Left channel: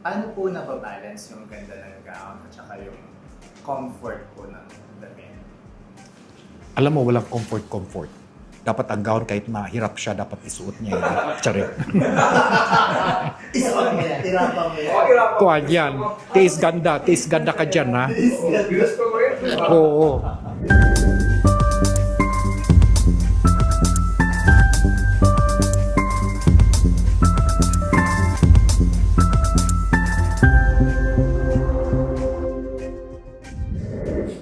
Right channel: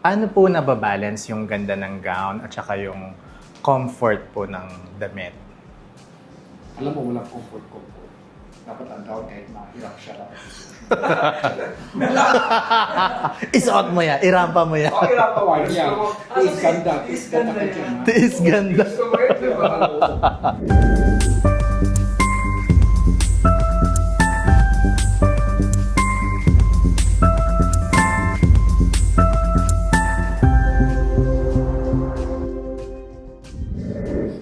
Paano po nababalance yung ganda ng gown at saka yung comfort po ng damit? Alam mo, walang comfort. Dapat ang gown, kahit mahirap siya, dapat isuot niya. Charit. Isuot mo yan, irapa mo yan. Kuhan yan. Tiis ganda ka dyan, ha? Is ganda. Oo.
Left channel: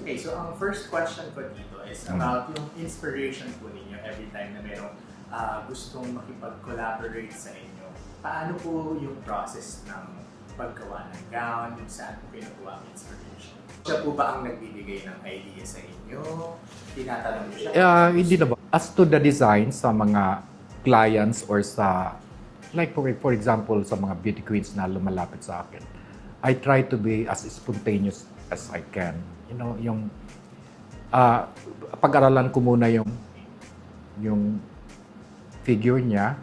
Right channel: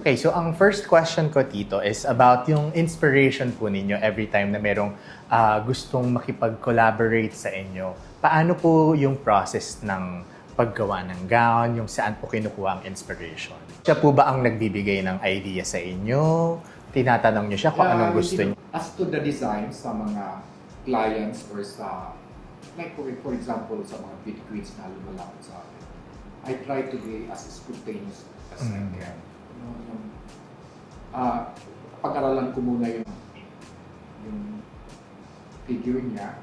Okay, so ang first question ko, Tito, is about yung inspiration po ninyo every time na merong gustong makipag-collaborate sa inyo. Paano po yung process ng paggawa ng gown, yung saan po kinukuha ang inspiration? Siya po ba ang nagbibigay ng idea sa inyo? Tinatanong niyo siya kung ano gusto Hindi niyo? naman. As to the design sa mga clients or sa, like for example, sa mga beauty queens na lumalapit sa akin, I try to be as spontaneous as I can. You know, yung pag-aralan ko muna yung figure niya.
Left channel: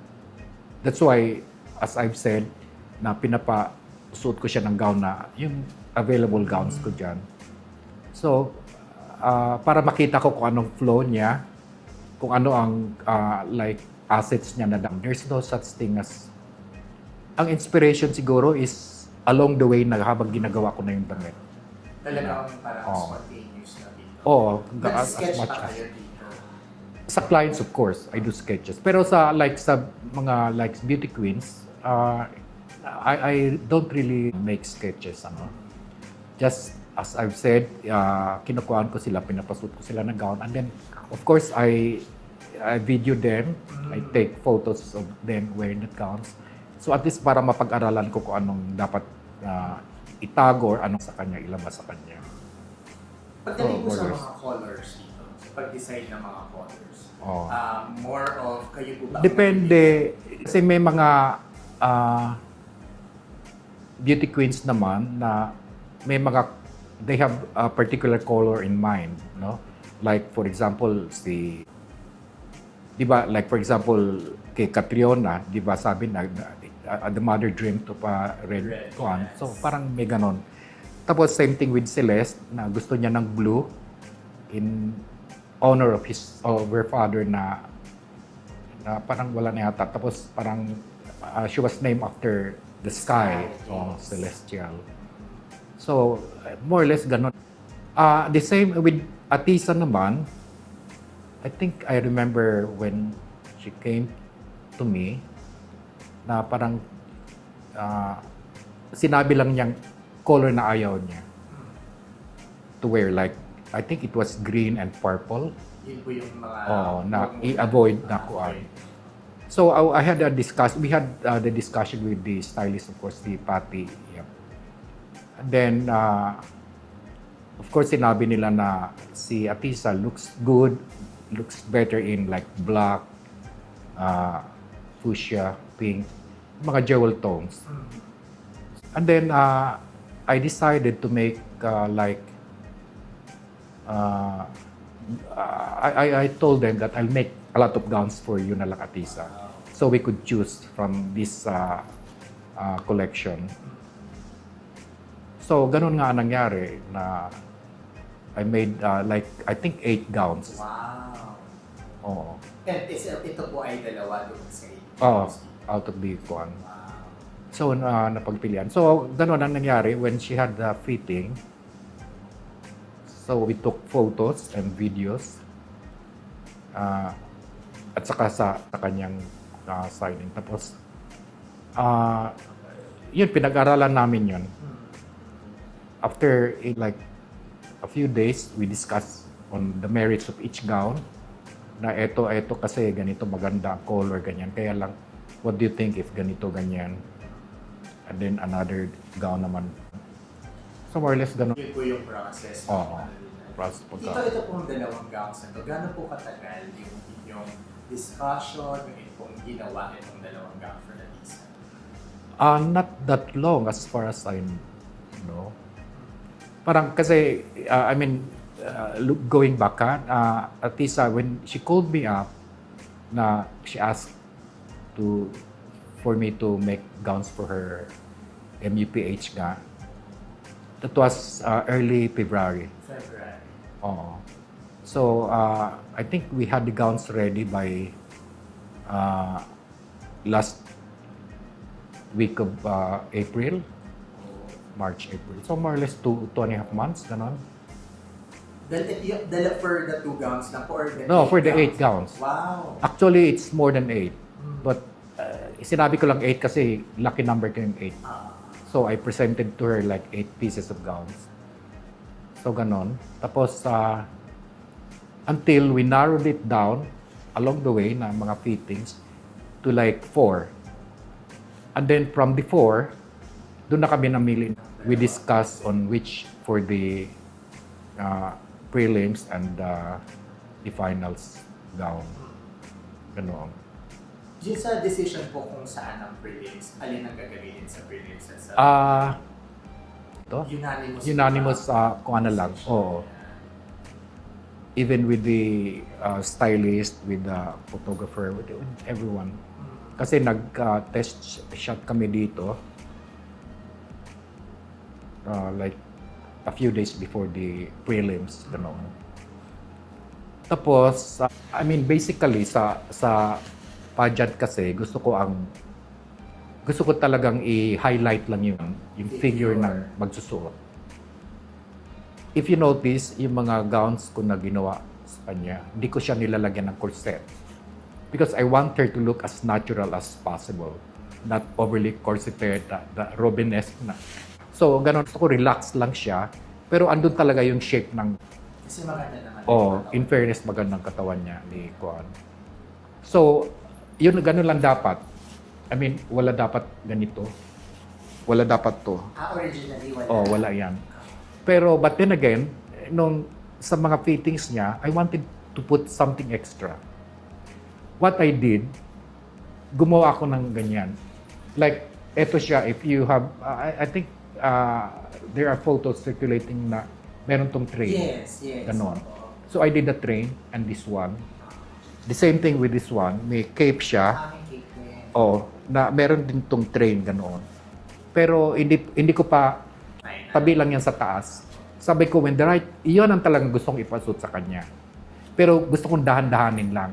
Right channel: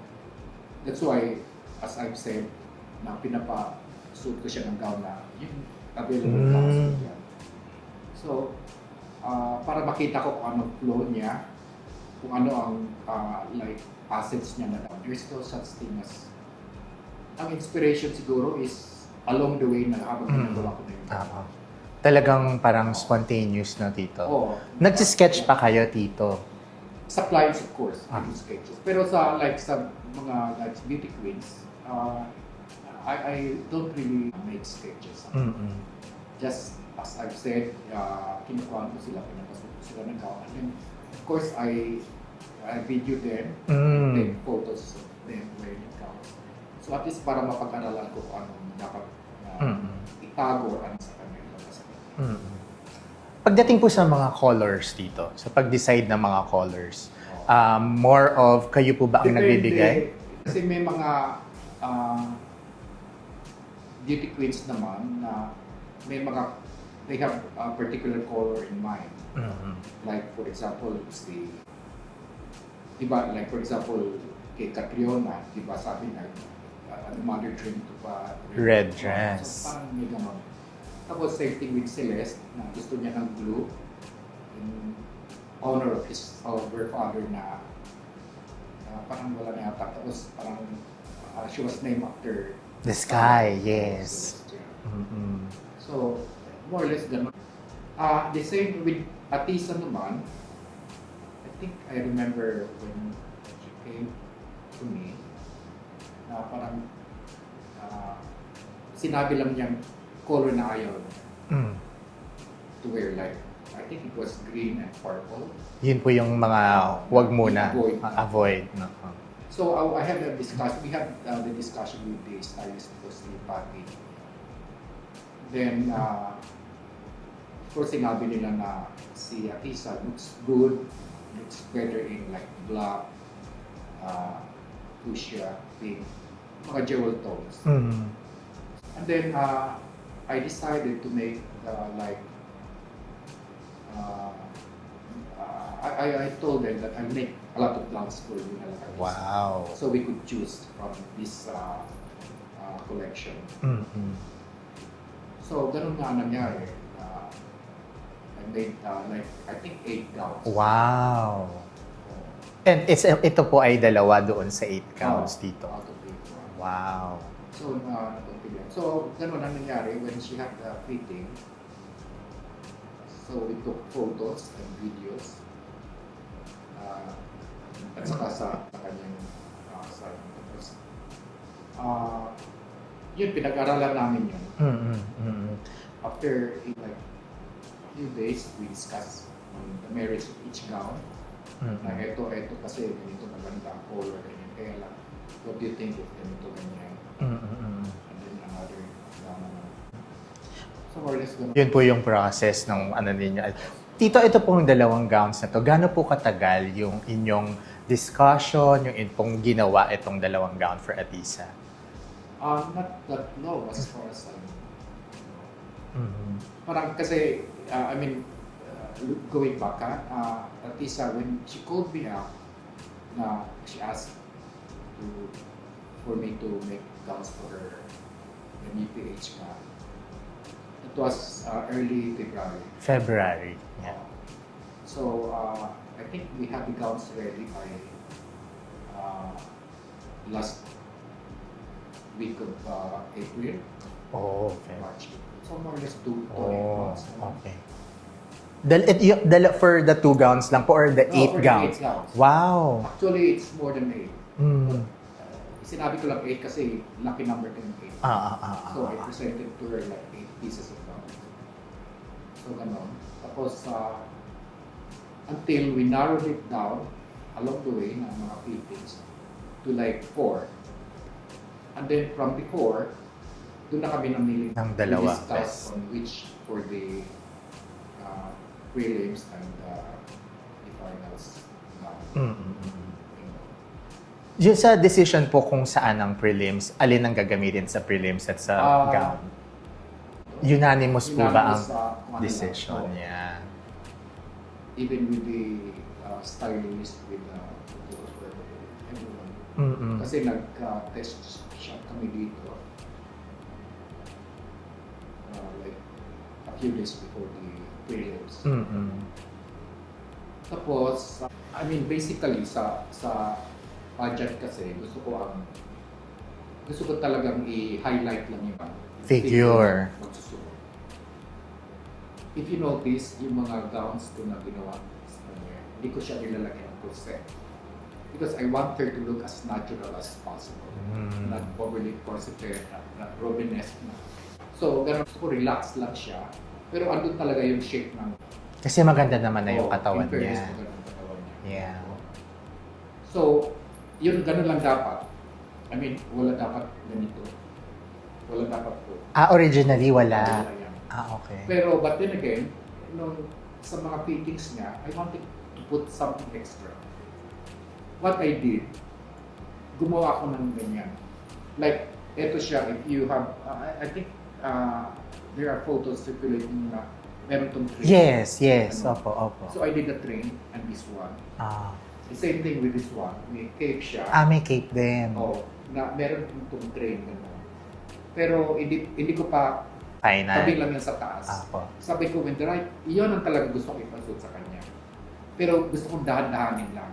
That's why, as I've said, na pinapasuot ko siya ng gown na yung available gowns ko dyan. So, para makita ko kung anong flow niya, kung ano ang like assets niya na down. There's no such thing as... Ang inspiration siguro is along the way na habang ginagawa ko na yung gown. Talagang parang spontaneous na, Tito. Oo. Nag-sketch pa kayo, Tito? Sa clients, of course, I do sketches. Pero sa mga beauty queens, I don't really make sketches. Just as I've said, kinukuhaan ko sila, pinapasuot ko sila ng gown. And then, of course, I video them, I take photos of them wearing the gowns. So at least para mapag-aralan ko kung anong dapat itago or anong sa kanya, ilabas sa kanya. Pagdating po sa mga colors dito, sa pag-decide ng mga colors, Oh. more of kayo po ba ang nagbibigay? Depende. Kasi may mga beauty queens naman na they have a particular color in mind. No? Like for example, like for example, kay Catriona, di ba sabi na, the mother dreamt of a red dress. So parang may ganon. Tapos same thing with Celeste, na gusto niya ng blue in honor of her father na parang wala na yata. Tapos parang she was named after The sky, Oh, yes. celestial. So more or less ganon. The same with Atisa naman. I think I remember when she came to me na parang sinabi lang niyang color na ayaw niya to wear, like I think it was green and purple. Yun po yung mga wag muna. I-avoid. Avoid. So we had the discussion with the stylist, of course, the Patty. Yeah. And then of course sinabi nila na si Atisa looks better in like black, fuchsia, pink, mga jewel tones. And then I decided to make I told them that I'll make a lot of gowns for you na lang, Atisa. Wow. So we could choose from this collection. So ganun nga nangyari na I made I think 8 gowns. Wow. Oo. And ito po ay dalawa doon sa 8 gowns dito. Out of the one. Wow. So, napagpilian. So, gano'n ang nangyari when she had the fitting. So, we took photos and videos. At saka sa kanyang signing. Tapos, yun, pinag-aralan namin yun. After like a few days, we discussed on the merits of each gown. Na eto kasi ganito maganda color, ganyan. Kaya lang, what do you think if ganito, ganyan? And then another gown naman. So more or less ganun. Yun po yung process ng ano ninyo. Tito, ito pong dalawang gowns na to, gaano po katagal yung inyong discussion, yung pong ginawa itong dalawang gown for Atisa? Not that long as far as I know. Parang kasi, going back, Atisa, when she called me up, she asked for me to make gowns for her MUPH nga. That was early February. February. Oo. So, I think we had the gowns ready by last week of April, Oh, okay. March, April. So, more or less two and a half months. Ganun. Okay. For the 2 gowns lang po or the 8 No, for the gowns? 8 gowns. Wow. Actually, it's more than 8. Mm. But sinabi ko lang 8 kasi lucky number ko yung 8. So, I presented to her like 8 pieces of gowns. So, ganon. Tapos, until we narrowed it down along the way na mga fittings to like 4. And then from the 4, doon na kami namili. Ng We dalawa. discussed Yes. on which for the prelims and the finals gown. Ganon. Yung sa decision po kung saan ang prelims, alin ang gagamitin sa prelims at sa gown? Ito? Unanimous po Unanimous, ba ang kung ano lang. decision? Oo. Yeah. Even with the stylist, with the photographer, with everyone. Mm-mm. Kasi nag-test shot kami dito like a few days before the prelims. Ano. Mm-mm. Tapos, I mean, basically, sa pageant kasi, gusto ko talagang i-highlight lang yung Figure. na magsusuot. If you notice, yung mga gowns ko na ginawa sa kanya, hindi ko siya nilalagyan ng corset. Because I want her to look as natural as possible. Not overly corseted, the Robin-esque na. So, ganun. Gusto ko relax lang siya. Pero andun talaga yung shape ng... Kasi maganda naman na yung katawan in fairness, niya. magandang katawan niya. Yeah. So, yun, ganun lang dapat. I mean, wala dapat ganito. Wala dapat to. Originally wala. Wala yan. Okay. Pero, but then again, nung sa mga fittings niya, I wanted to put something extra. What I did, gumawa ako ng ganyan. Like, eto siya, if you have, I think, there are photos circulating na meron tong train. Yes. Ano. Opo. So, I did the train and this one. Ah. The same thing with this one. May cape siya. May cake din. Na meron din tong train, ganoon. Pero hindi ko pa Final. tabi lang yan sa taas. Opo. Sabi ko, when the right, iyon ang talagang gustong ipasut sa kanya. Pero gusto kong dahan-dahanin lang.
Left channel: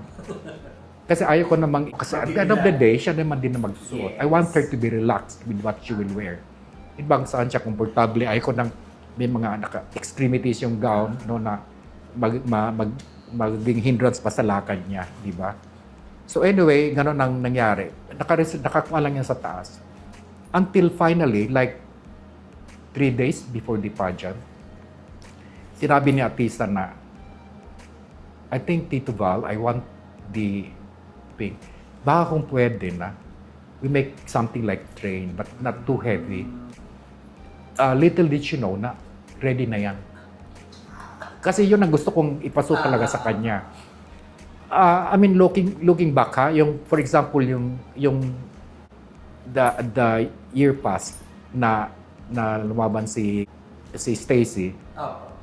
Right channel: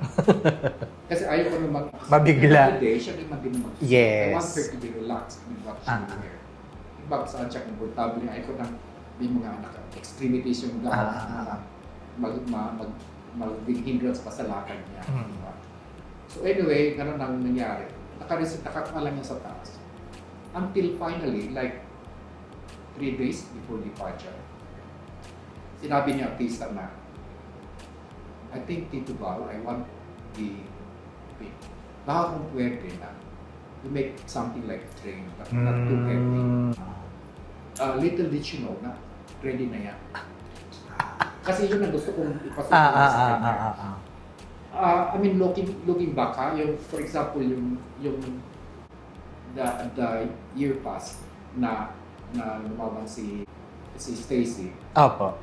Kasi ayaw ko namang, kasi at the end of the day, siya naman din na magsusuot. Yes. I want her to be relaxed with what she will wear. Ibang saan siya komportable. Ayaw ko nang may mga extremities yung gown no, na magiging hindrance pa sa lakad niya. Di ba? So anyway, gano'n ang nangyari. Nakakuha lang yan sa taas. Until finally, like 3 days before the pageant, sinabi ni Atisa na, I think, Tito Val, I want the pink. Baka kung pwede na, we make something like train, but not too heavy. Little did she know na ready na yan. Kasi yun ang gusto kong ipasok talaga sa kanya. I mean, looking back, yung, for example, yung the year past na lumaban si Stacy. Opo.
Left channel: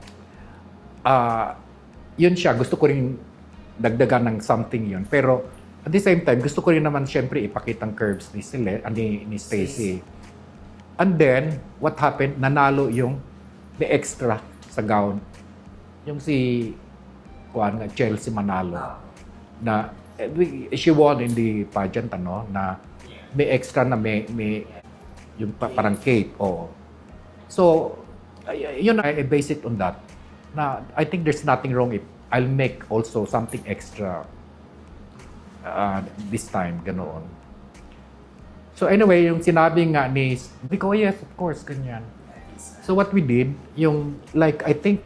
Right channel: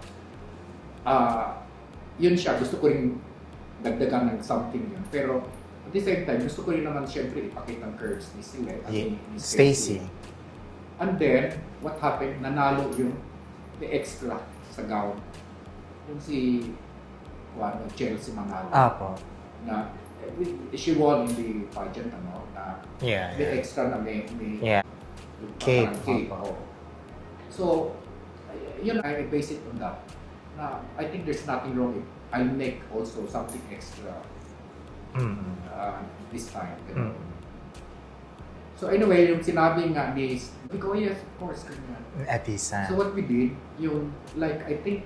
Yun siya, gusto ko rin dagdagan ng something yun. Pero at the same time, gusto ko rin naman siyempre ipakita ang curves ni Stacy. And then, what happened? Nanalo yung may extra sa gown. Yung si Chelsea Manalo. Opo. Na she won in the pageant na Yeah. may extra na may Yeah. yung Cape. parang cape. Oo. So, yun, I base it on that. Na I think there's nothing wrong if I'll make also something extra this time, ganoon. So anyway, yung sinabi nga ni, yes, of course, ganyan. Atisa. So what we did, yung like I think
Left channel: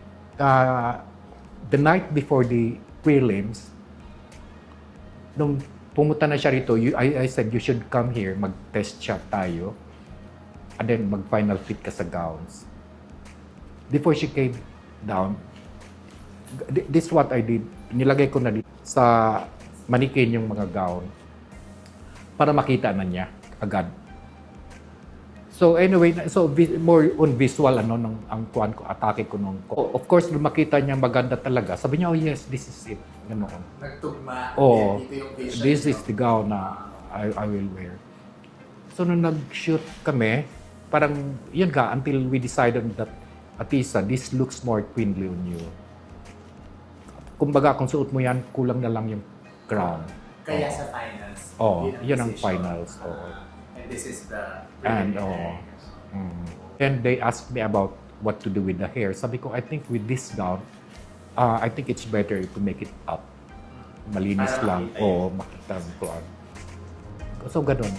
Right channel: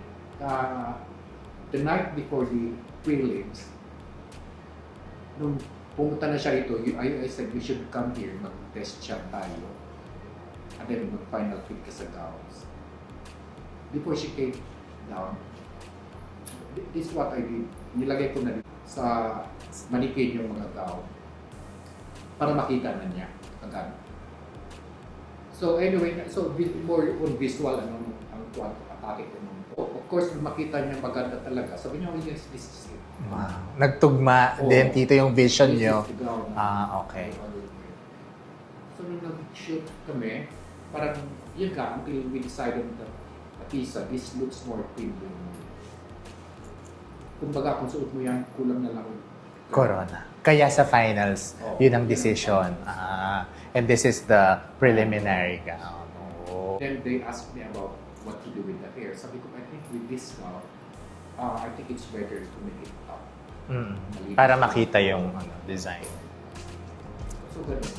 the night before the prelims, nung pumunta na siya rito, I said you should come here, mag-test shot tayo, and then mag-final fit ka sa gowns. Before she came down, this is what I did. Nilagay ko na dito sa manikin yung mga gown para makita na niya agad. So anyway, so more on visual nung ang kuan ko, atake ko nung. Of course, nung makita niya maganda talaga. Sabi niya, oh yes, this is it. Nagtugma Oo. din dito yung vision This niyo. is the gown na Okay. I will wear. So nung nag-shoot kami, parang, yun nga, until we decided that, Atisa, this looks more queenly on you. Kumbaga, kung suot mo yan, kulang na lang yung crown. Corona. Kaya sa finals, Oo, yun ang yun ang decision. finals, And this is the preliminary And, gown. And they asked me about what to do with the hair. Sabi ko, I think with this gown, I think it's better to make it up. Malinis Para lang. makita Oo, yung makita design. ko. So, ganun.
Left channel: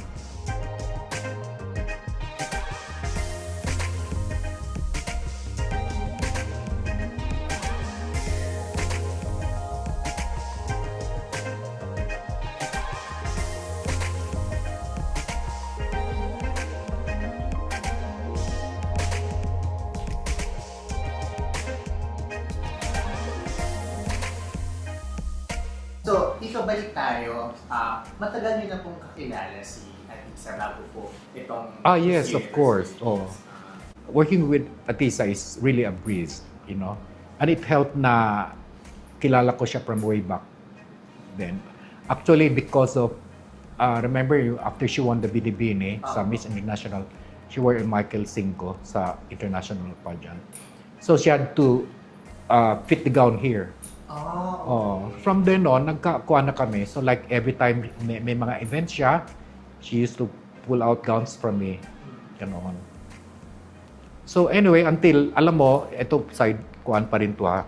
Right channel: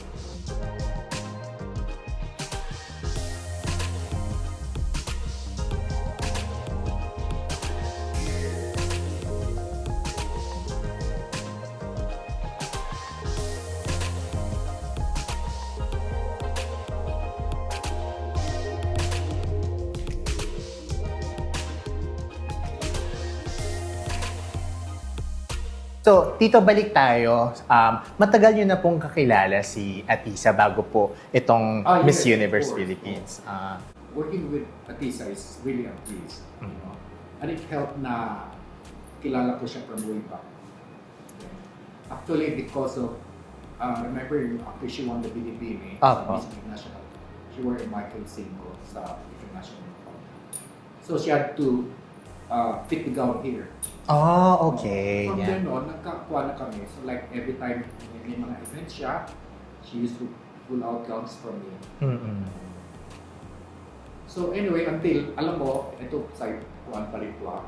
So, Tito, balik tayo. Matagal nyo na pong kakilala si Atisa bago po itong Miss Yes, of Universe course. Philippines. Working with Atisa is really a breeze, you know. And it helped na kilala ko siya from way back then. Actually, because of, remember, after she won the Binibini sa Miss International, she wore a Michael Cinco sa international pageant. So she had to fit the gown here. Okay. From then on, nagkakuha na kami. So like every time may mga events siya, she used to pull out gowns from me. Ganon. So anyway, until, alam mo, ito side kuhan pa rin to ha.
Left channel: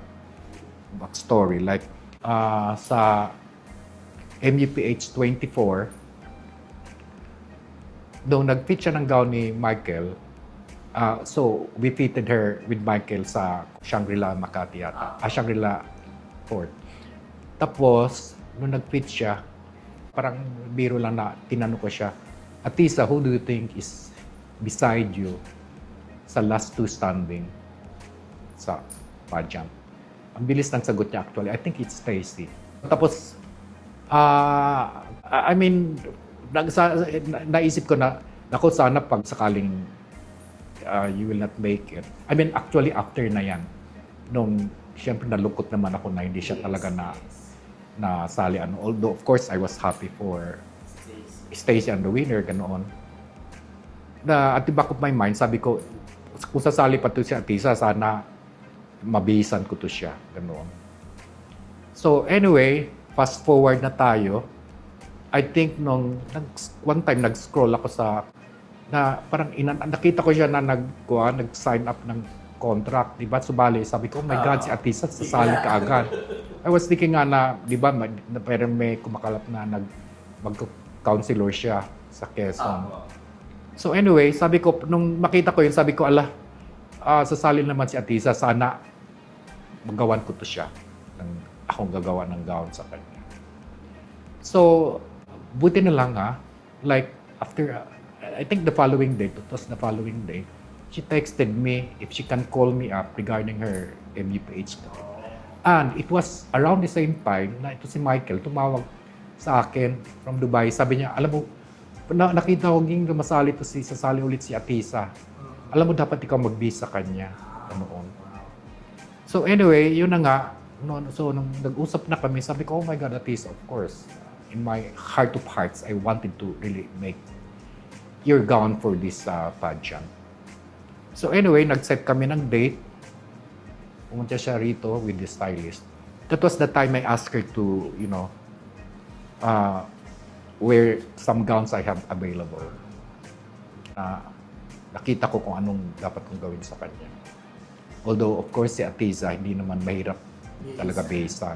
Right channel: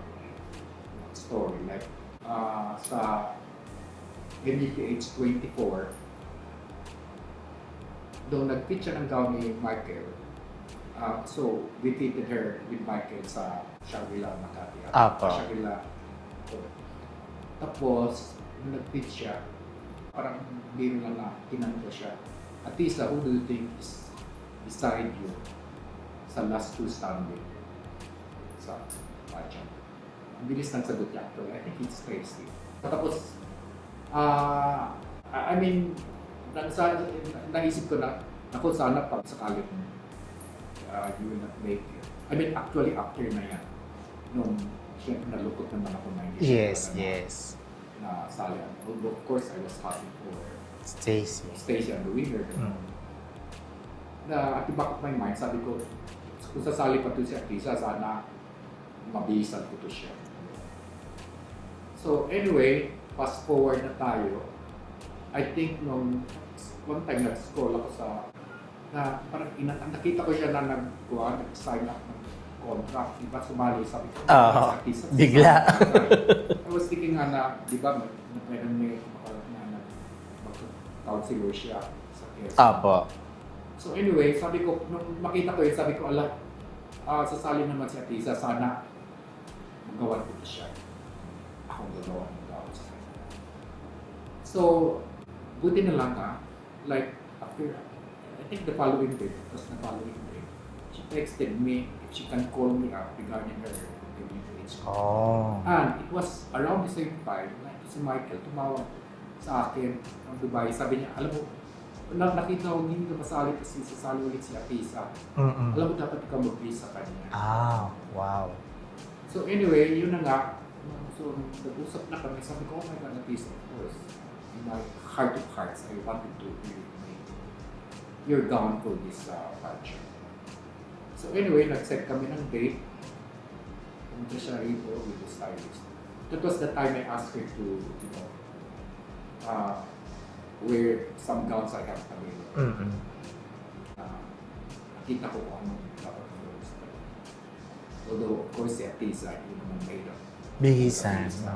Story. Like, sa MUPH 24, nung nag-fit siya ng gown ni Michael, so we fitted her with Michael sa Shangri-La Makati at Shangri-La Fort. Tapos, nung nag-fit siya, parang biro lang na tinanong ko siya, Atisa, who do you think is beside you sa last two standing sa pageant? Ang bilis ng sagot niya actually. I think it's Stacy. Tapos, I mean, naisip ko na, naku, sana pag sakaling you will not make it. I mean, actually, after na yan, nung siyempre nalungkot naman ako na hindi siya talaga na sali. Although, of course, I was happy for Stacy and the winner, ganoon. At the back of my mind, sabi ko, kung sasali pa to si Atisa, sana mabihisan ko to siya, ganoon. So, anyway, fast forward na tayo. I think nung one time nag-scroll ako sa parang nakita ko siya na nag-sign up ng contract, di ba? Subali, sabi ko, my God, si Atisa, sasali ka agad. I was thinking nga na, di ba, parang may kumakalat na mag-counselor siya sa Quezon. So anyway, sabi ko, nung makita ko yun, sabi ko, sasali naman si Atisa, sana magawan ko to siya. Akong gagawa ng gown sa kanya. So, buti na lang like after, I think the following day, she texted me if she can call me up regarding her MUPH. And it was around the same time na ito si Michael tumawag sa akin from Dubai. Sabi niya, alam mo, nakita ko yung sasali ulit si Atisa. Alam mo, dapat ikaw mag-visa kanya. Wow. So anyway, yun na nga. So nung nag-usap na kami, sabi ko, oh my God, Atisa, of course. In my heart of hearts, I wanted to really make your gown for this pageant. So anyway, nag-set kami ng date. Pumunta siya rito with the stylist. That was the time I asked her to, wear some gowns I have available. Nakita ko kung anong dapat kong gawin sa kanya. Although, of course, si Atisa, hindi naman mahirap talaga bihisa.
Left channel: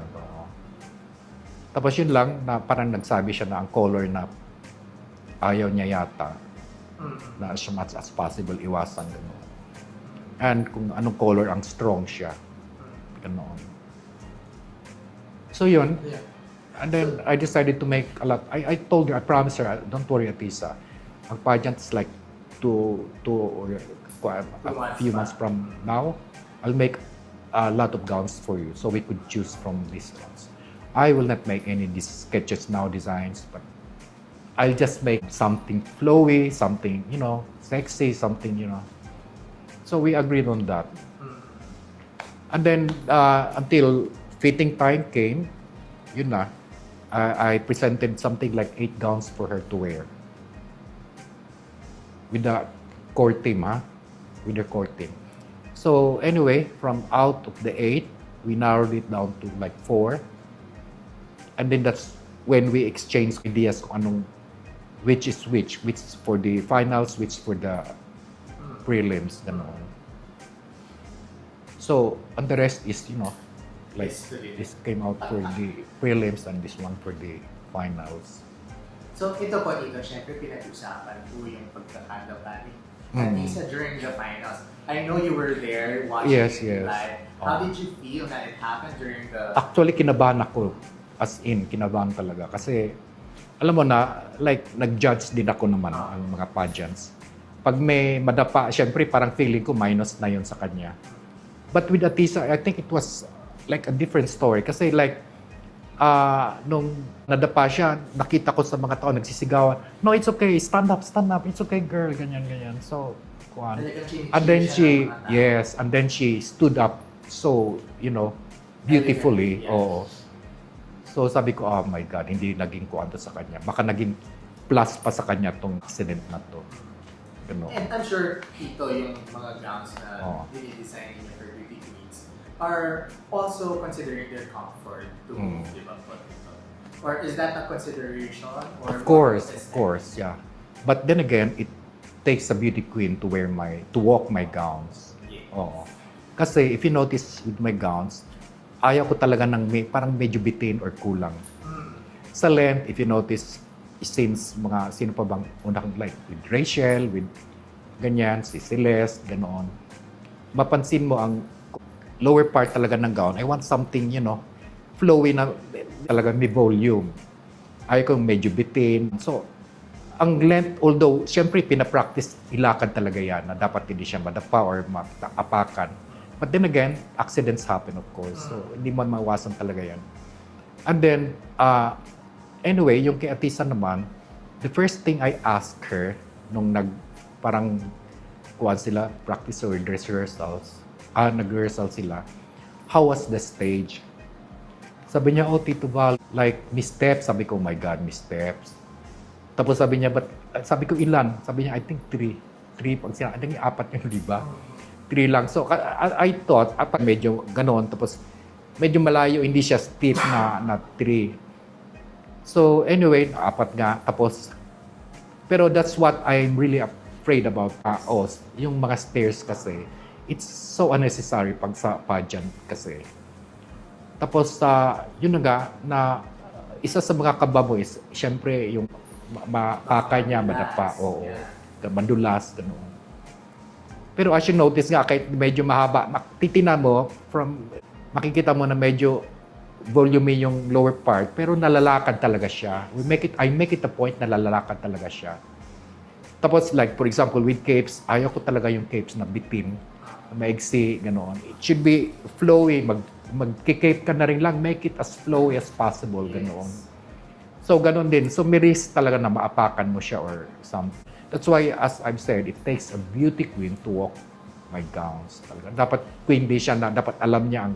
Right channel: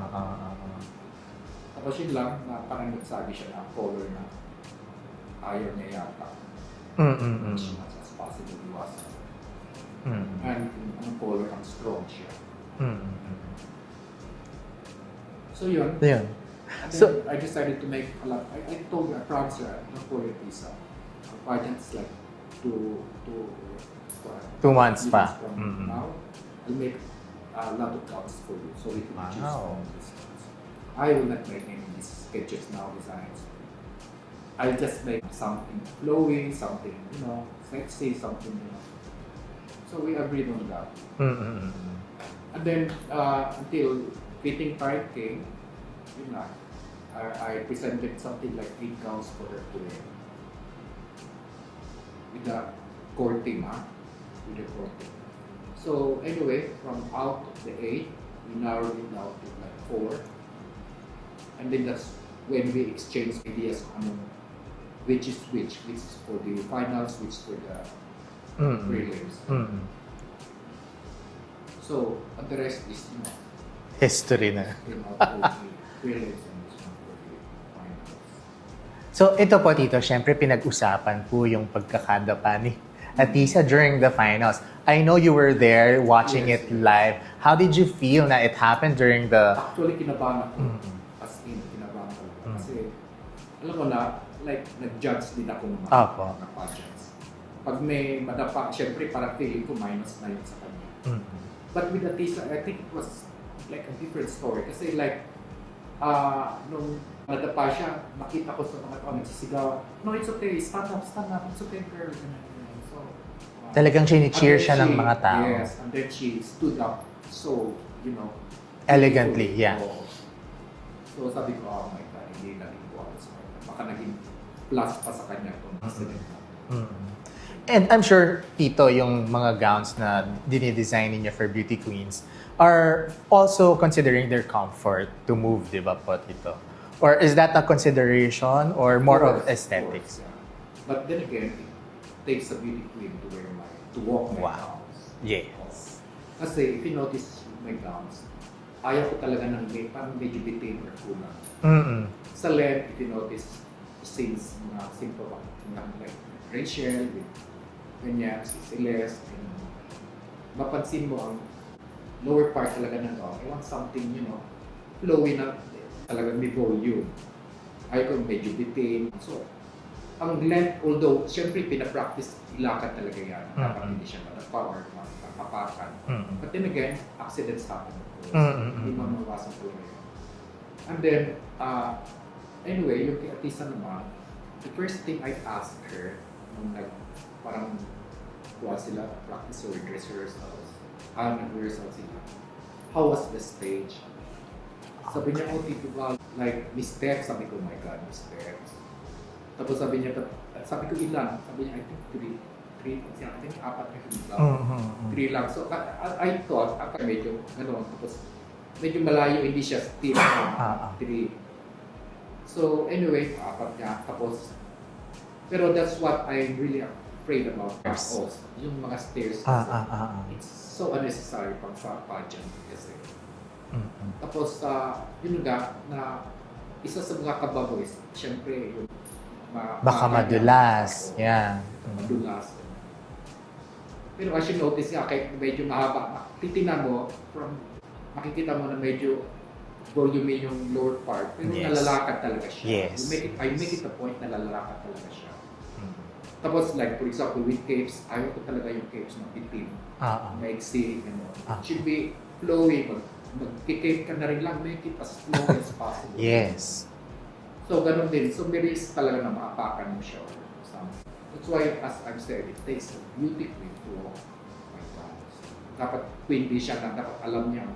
Tapos yun lang, na parang nagsabi siya na ang color na ayaw niya yata. Na as much as possible, iwasan. And kung anong color ang strong siya. Ano. So yun. And then I decided to make a lot. I told her, I promised her, don't worry, Atisa. Ang pageant is like 2 months from now. I'll make a lot of gowns for you so we could choose from these gowns. I will not make any sketches now, designs, but I'll just make something flowy, something, sexy, something, So we agreed on that. And then until fitting time came, yun na, I presented something like 8 gowns for her to wear. With the core team, with their core team. So anyway, from out of the 8, we narrowed it down to like 4. And then that's when we exchange ideas on which is which is for the finals, which is for the prelims. So, and the rest is, History na. this came out for the prelims and this one for the finals. So ito po Tito, syempre pinag-usapan po yung pagkakadapa ni Atisa during the finals. I know you were there watching Yes, it yes. live. How did you feel na it happened during the... Actually, kinabahan ako. As in, kinabahan talaga. Kasi, alam mo na, like, nag-judge din ako naman Opo. ng mga pageants. Pag may madapa, syempre parang feeling ko minus na yun sa kanya. But with Atisa, I think it was like a different story. Kasi like, nung nadapa siya, nakita ko sa mga tao nagsisigawan, no, it's okay, stand up, it's okay girl, ganyan. So, Talagang chini-cheer siya ng mga tao. Yes, and then she stood up so, Elegantly, beautifully. yeah. Oo. So sabi ko, oh my God, hindi naging kuwento sa kanya. Baka naging plus pa sa kanya tong incident na to. And I'm sure, Tito, yung mga gowns na dinidesign niyo for beauty queens are also considering their comfort to move, di ba po, Tito? Or is that a consideration or more of aesthetics? Of course, yeah. But then again, it takes a beauty queen to walk my gowns. Yes. Oo. Kasi if you notice with my gowns, ayaw ko talaga ng parang medyo bitin or kulang. Sa length, if you notice, since sino pa bang unang like with Rachel, with ganyan, si Celeste, ganoon. Mapansin mo ang lower part talaga ng gown. I want something, flowy na talaga may volume. Ayaw ko medyo bitin. So, ang length, although, syempre, pinapractice, ilakad talaga yan na dapat hindi siya madapa or maapakan. But then again, accidents happen, of course. So, hindi mo mawasan talaga yan. And then, anyway, yung kay Atisa naman, the first thing I asked her nung parang kuwan sila, practice or dress rehearsals, nag-rehearsal sila, how was the stage? Sabi niya, oh, Tito Val, like, missteps. Sabi ko, oh my God, missteps. Tapos sabi niya, sabi ko, ilan? Sabi niya, I think 3. 3, pag siya, I think 4 yung di ba? 3 lang. So, I thought, medyo ganon. Tapos, medyo malayo, hindi siya steep na 3. So, anyway, 4 nga. Tapos, pero that's what I'm really afraid about. Yung mga stairs kasi. It's so unnecessary pag sa pageant kasi. Tapos, yun na isa sa mga kababo is, syempre, yung baka madulas. Yeah. Madulas. Pero as you notice nga, kahit medyo mahaba, titinan mo, makikita mo na medyo volume yung lower part, pero nalalakad talaga siya. Yes. I make it a point na nalalakad talaga siya. Tapos like, for example, with capes, ayaw ko talaga yung capes na bitin, maigsi, ganoon. It should be flowy, mag-cape ka na rin lang, make it as flowy as possible. Yes. Ganoon. So, ganun din. So, may risk talaga na maapakan mo siya or something. That's why, as I've said, it takes a beauty queen to walk my gowns. Talaga. Dapat queen din siya na dapat alam niya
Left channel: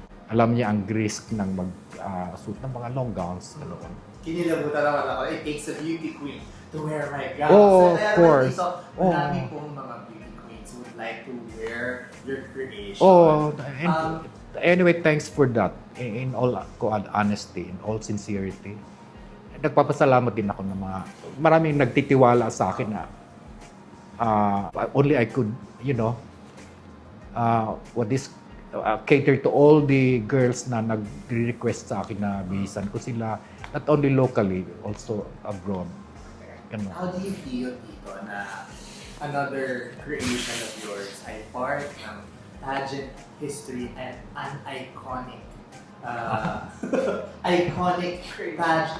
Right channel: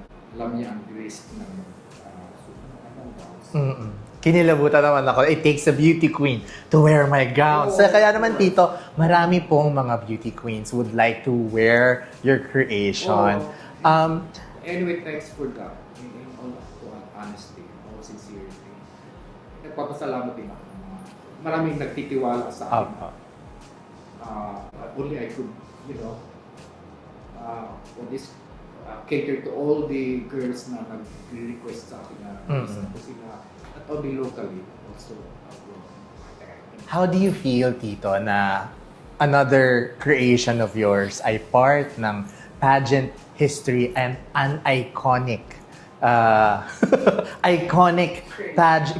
ang risk ng mag-suit ng mga long gowns. Kinilabutan naman ako, it takes a beauty queen to wear my gowns. So, kaya naman, Tito, marami pong mga beauty queens would like to wear your creation. Anyway, thanks for that. In all honesty, in all sincerity. Nagpapasalamat din ako ng maraming nagtitiwala sa akin na only I could, cater to all the girls na nag-request sa akin na bilisan ko sila, not only locally, also abroad. Ganun. How do you feel, Tito, na another creation of yours ay part ng pageant history and an iconic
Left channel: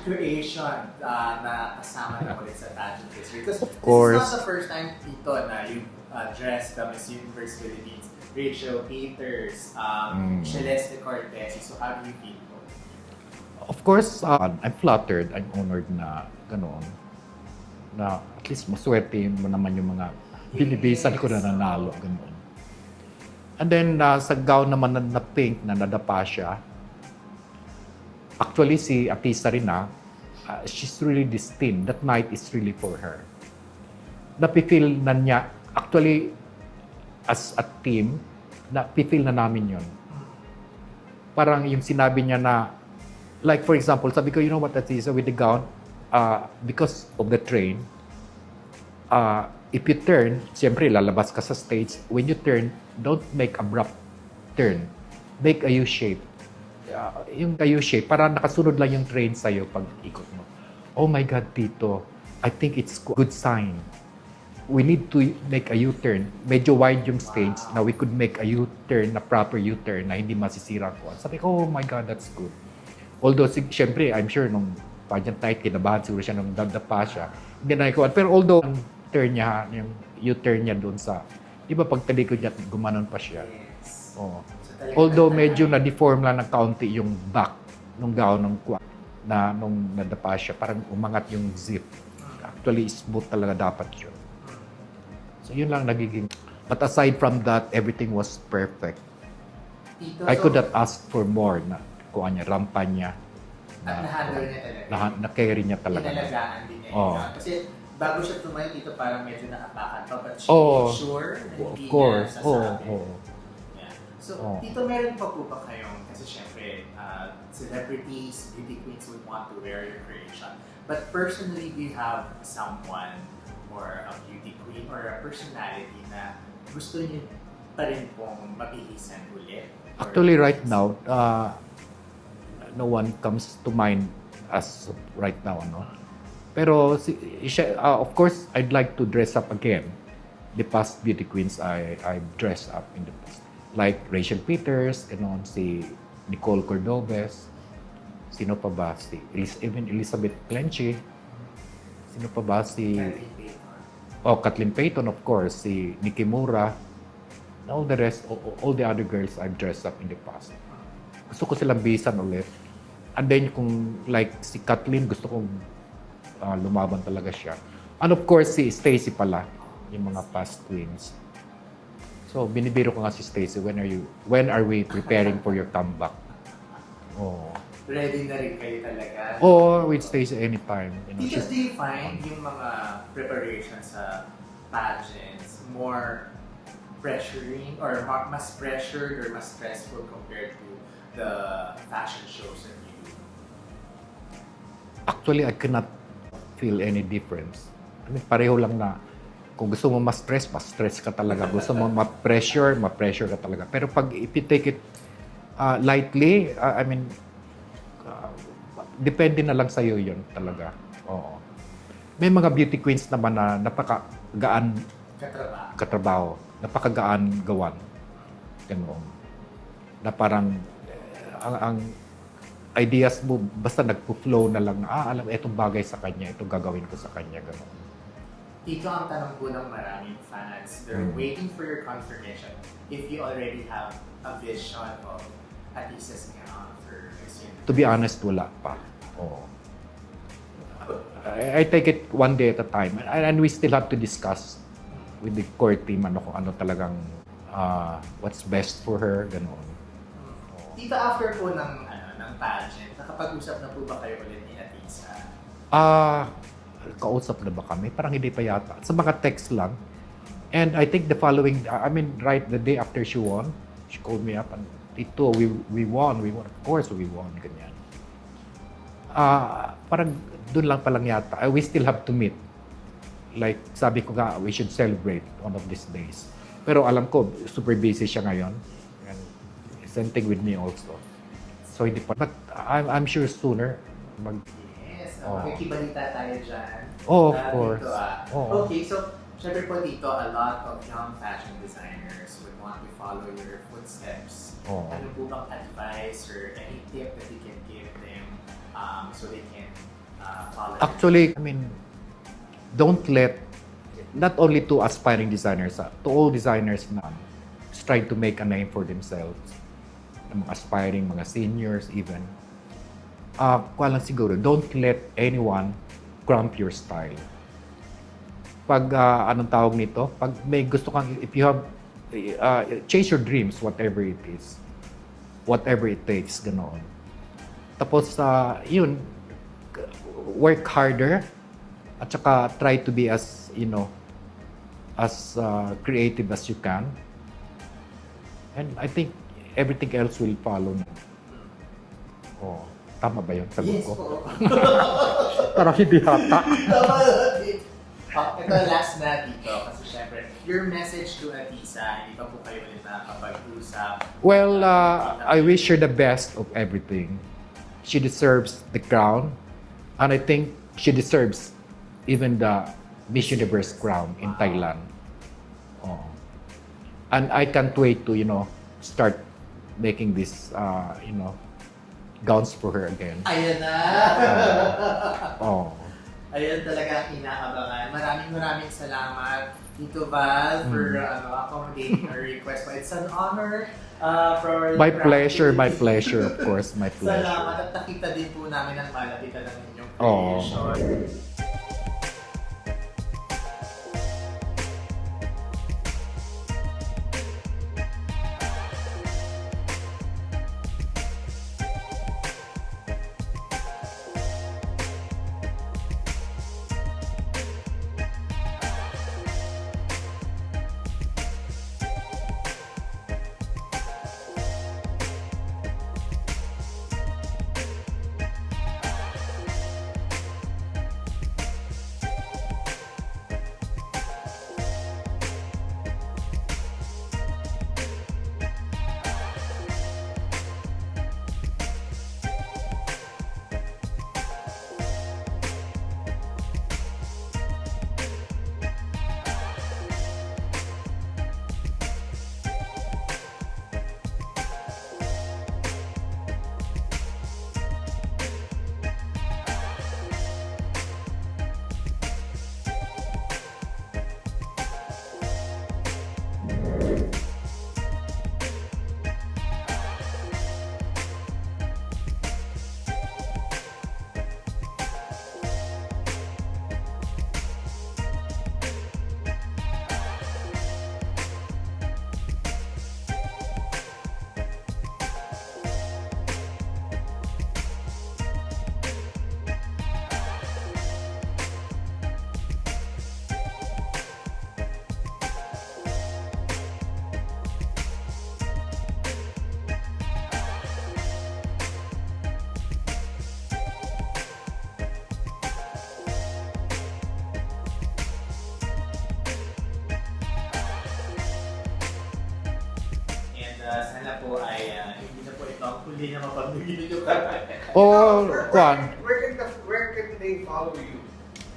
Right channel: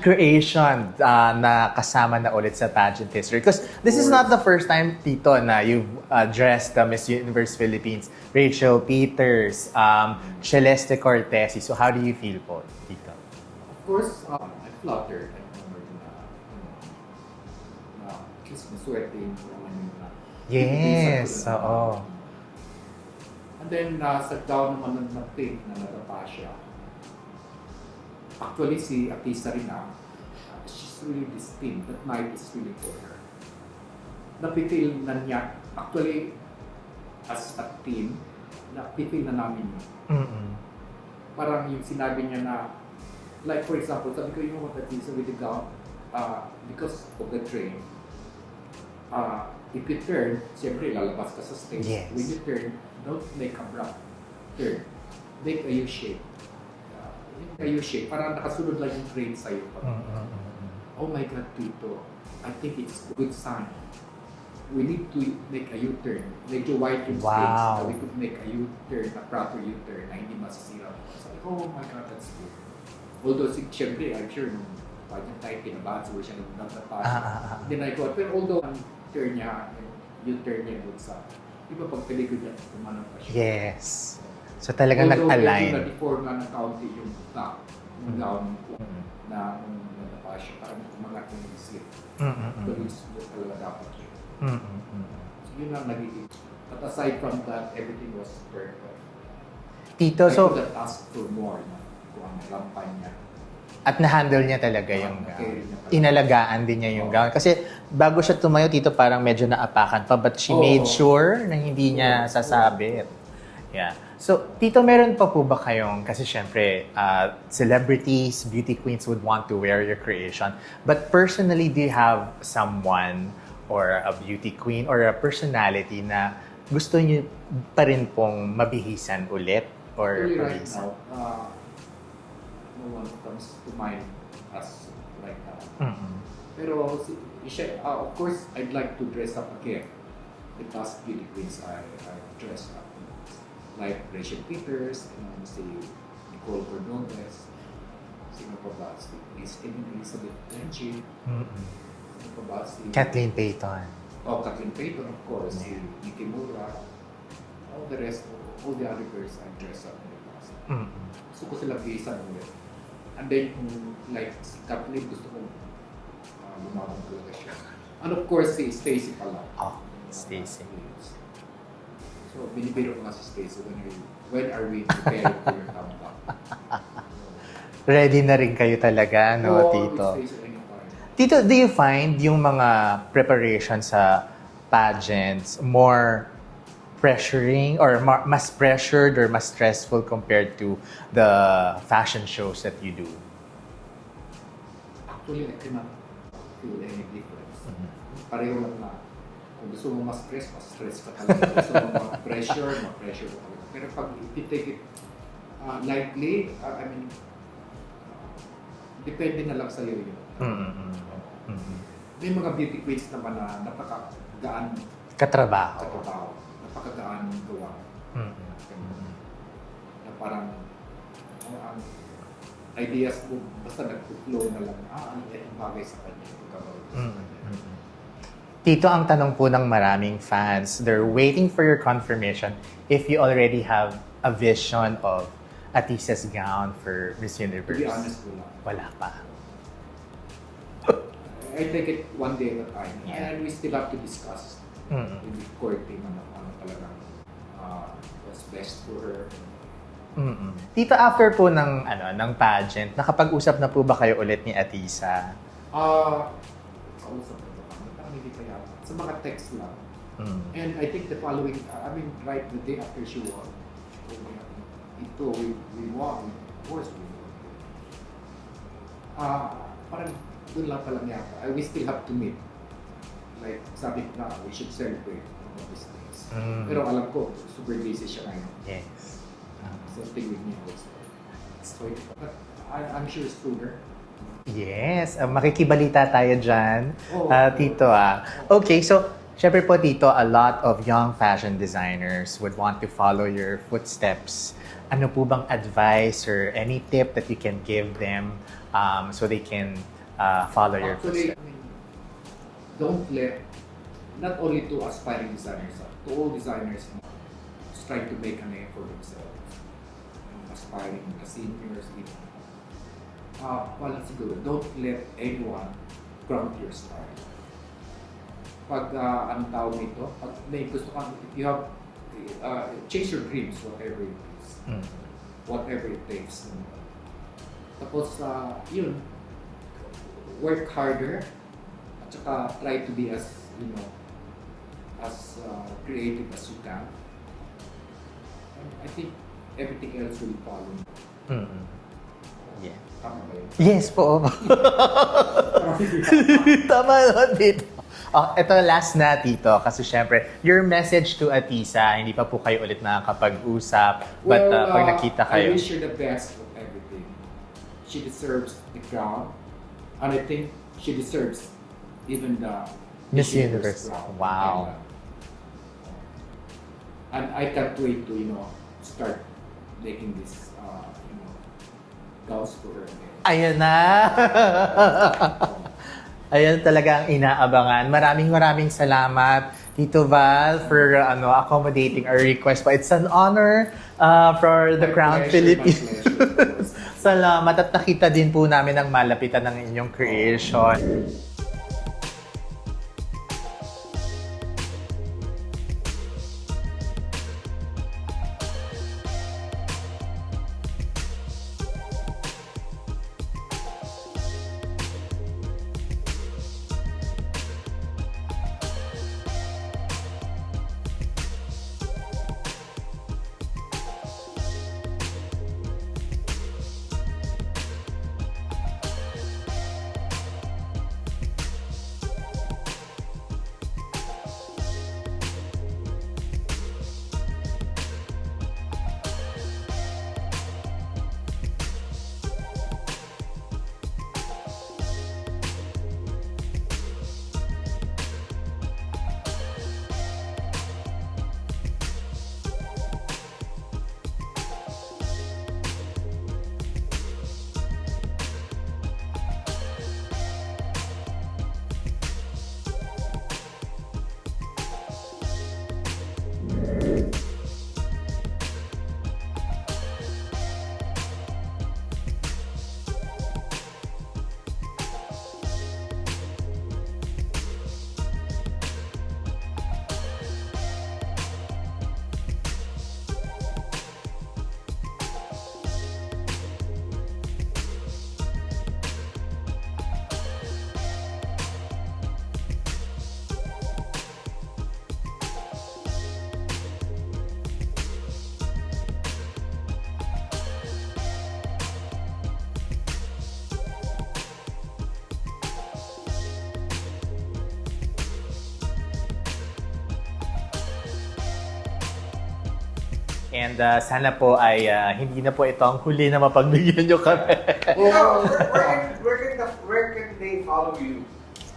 creation na kasama na ulit sa pageant history? Because this is not the first time, Tito, na you've dressed Miss Universe Philippines, Rachel Peters, Celeste Cortez. So how do you feel po, Tito? Of course, I'm flattered, I'm honored na ganoon. Na at least maswerte mo naman yung mga binibisan ko na nanalo. Ganoon. And then, sa gown naman na pink na nadapa siya, actually, si Atisa rin she's really destined. That night is really for her. Napifeel na niya Actually, as a team, feel na namin yun. Mm-mm. Parang yung sinabi niya na, like for example, sabi ko, you know what that is with the gown? Because of the train, if you turn, siyempre lalabas ka sa stage. Yes. When you turn, don't make abrupt turn. Make a U-shape. Yung U-shape, parang nakasunod lang yung train sa'yo pag ikot. Oh my God, Tito, I think it's good sign. We need to make a U-turn. Medyo wide yung stage Wow. na we could make a U-turn, na proper U-turn na hindi masisira ko. Sabi ko, oh my God, that's good. Although, siyempre, I'm sure nung pageant night, kinabahan siguro siya nung dadapa siya. Hindi na ikuha. Pero although, turn niya, yung U-turn niya doon sa, iba pag talikod niya, gumanon pa siya. Yes. Oo. So talagang Although nag-align. medyo na-deform lang ng kaunti yung back nung gown ng kuwa na nung nadapa siya, parang umangat yung zip. Actually, smooth talaga dapat yun. So yun lang nagiging. But aside from that, everything was perfect. Tito, I so, could have asked for more na kuha niya, rampa niya. at na-handle niya talaga yun. Na-carry niya talaga. Inalagaan din niya yung Oo. gown. Kasi bago siya tumayo, Tito, parang medyo naapakan pa. But she Oo. made sure na hindi Of niya course. sasabi. Oo. Yeah. So, Oo. Tito, meron pa po ba kayong, kasi syempre, celebrities, beauty queens would want to wear your creation. But personally, do you have someone or a beauty queen or a personality na gusto niyo pa rin pong mabihisan ulit? Or Actually, right now, no one comes to mind as right now. Ano? Pero, of course, I'd like to dress up again. The past beauty queens I dressed up in the past. Like Rachel Peters, si Nicole Cordobes, sino pa ba? Even Elizabeth Clenche, sino pa ba? Kathleen Payton. Oh, Kathleen Payton, of course. Si Nikki Mura. All the rest, all the other girls I've dressed up in the past. Gusto ko silang bisan ulit. And then kung like si Kathleen, gusto kong lumaban talaga siya. And of course, si Stacy pala. Yung mga Stacey. past queens. So, binibiro ko nga si Stacy, when are we preparing for your comeback? Oh. Ready na rin kayo talaga, no, Oh, Tito? with Stacy anytime. Tito, do you find yung mga preparation sa pageants more pressuring or mas pressured or mas stressful compared to the fashion shows that you do? Actually, I cannot feel any difference. I mean, pareho lang na kung gusto mo ma-stress ka talaga. Gusto mo ma-pressure ka talaga. Pero pag if you take it lightly, I mean, depende na lang sa'yo yun talaga. Oo. May mga beauty queens naman na napakagaan katrabaho, napakagaan gawan. Ganun. Na parang ang ideas mo basta nagpo-flow na lang na alam itong bagay sa kanya, itong gagawin ko sa kanya. Ganun. Tito, ang tanong po ng maraming fans, they're waiting for your confirmation if you already have a vision of Atisa's gown for Miss Universe. To be honest, wala. Wala pa. Oo. I take it one day at a time. And we still have to discuss with the core team kung ano talagang what's best for her. Ganun. Tito, after po ng pageant, nakapag-usap na po ba kayo ulit ni Atisa? Kausap na ba kami? Parang hindi pa yata. Sa mga text lang. And I think the following, right the day after she won, she called me up and, Tito, we won. Of course we won. Ganyan. Parang doon lang palang yata. We still have to meet. Like, sabi ko nga, we should celebrate one of these days. Pero alam ko, super busy siya ngayon. Yes. Same thing with me also. So hindi pa. But I'm sure sooner. Yes, makikibalita tayo dyan, Oh, of Tito. course. Oh. Okay, so, syempre po, Tito, a lot of young fashion designers would want to follow your footsteps. Oh. Ano po bang advice or any tip that you can give them so they can follow your Actually, don't let, not only to aspiring designers, to all designers na is trying to make a name for themselves, aspiring mga seniors even, lang siguro, don't let anyone cramp your style. Pag, anong tawag nito? Pag may gusto kang, if you have, chase your dreams, whatever it is. Whatever it takes, ganoon. Tapos, yun, work harder, at saka try to be as, as creative as you can. And I think everything else will follow. Mm. Oh, Yeah. tama ba yun? Yes po. Parang hindi hata. Tama yun, Tito. Ito last na, Tito. Kasi syempre, your message to Atisa, hindi pa po kayo ulit nakakapag-usap. Well, but pag nakita I kayo, wish her the best of everything. She deserves the crown. And I think she deserves even the Miss Miss Universe Universe. crown in Wow. Thailand. Oh. And I can't wait to, start making this, gowns for her again. ayan na. Oh. Ayan talaga ang inaabangan. Maraming salamat, Tito Val, for accommodating our request. But it's an honor for the My Crown pleasure, my Philippines. pleasure, of course, my pleasure. Salamat at nakita din po namin ang malapitan ng inyong creation. And sana po ay hindi na po ito ang huli na mapagbigyan nyo kami. Oh, Kwan. Where can they follow you?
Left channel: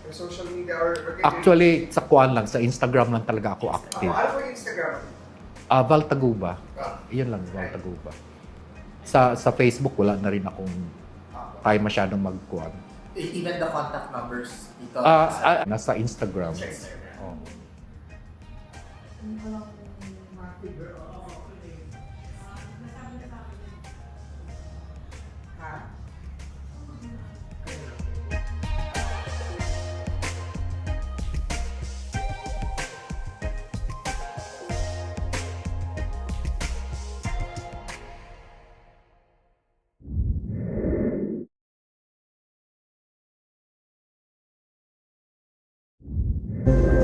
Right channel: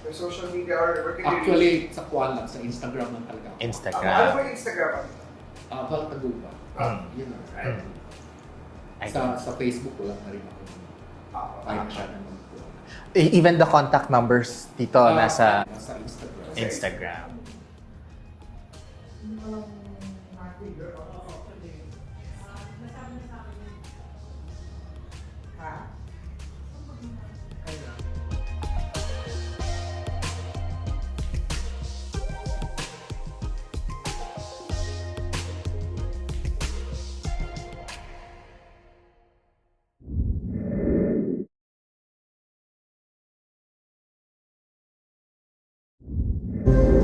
Your social media or where can Actually, sa Kwan lang, sa Instagram lang talaga ako Instagram. Ano ba yung Instagram? Val Taguba. Yun lang, Val Taguba. Sa Facebook, wala na rin akong tayo masyadong mag-Kwan. Even the contact numbers dito nasa Nasa Instagram. Instagram. Thank